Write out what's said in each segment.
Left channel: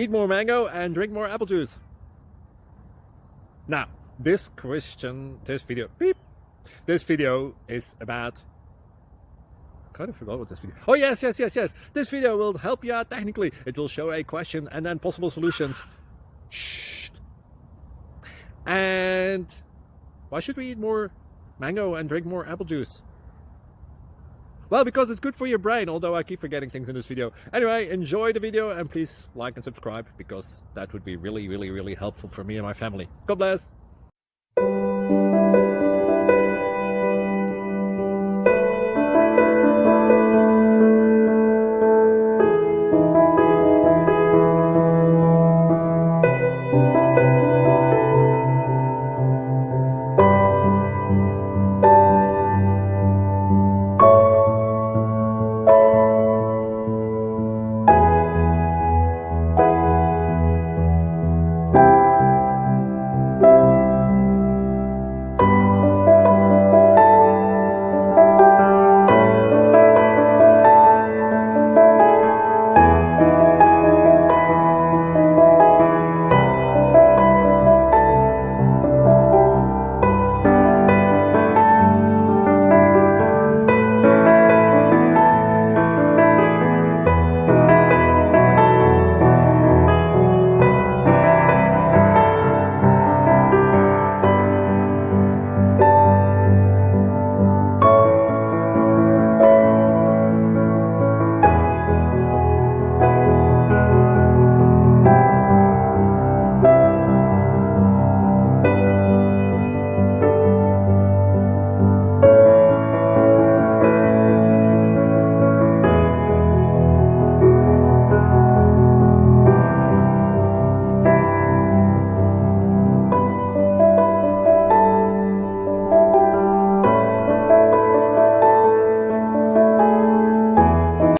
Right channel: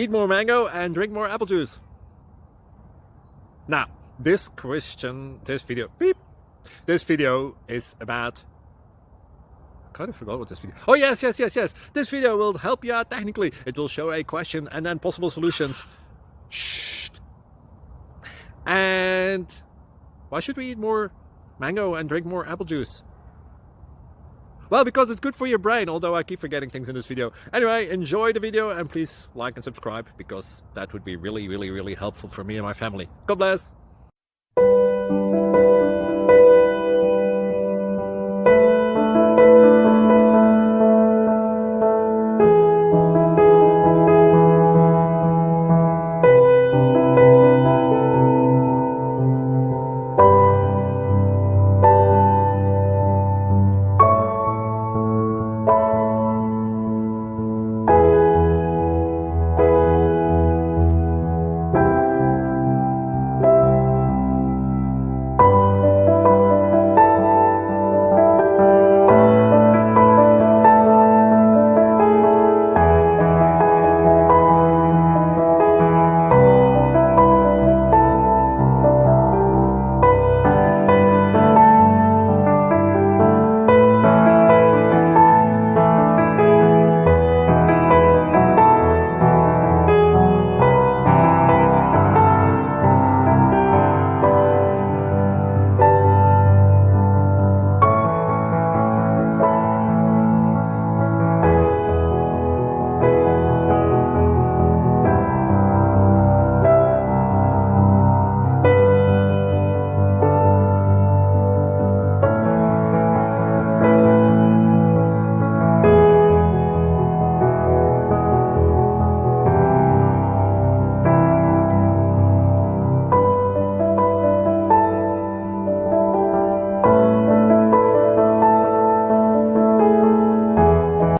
Eat more mango and drink more apple juice. Now, this video is about, I kind of forgot what this video. Oh, yes. This video will help you out technically. It will show a question and then possible solutions. Shh. And why should we eat more mango and drink more apple juice? Well, because it's good for your brain, although I keep forgetting things in this video. Anyway, enjoy the video and please like and subscribe, because that would be really helpful for me and my family. God bless.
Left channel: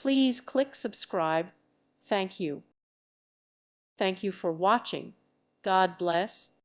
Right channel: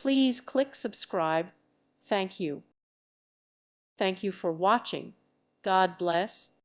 Please click subscribe. Thank you. Thank you for watching. God bless.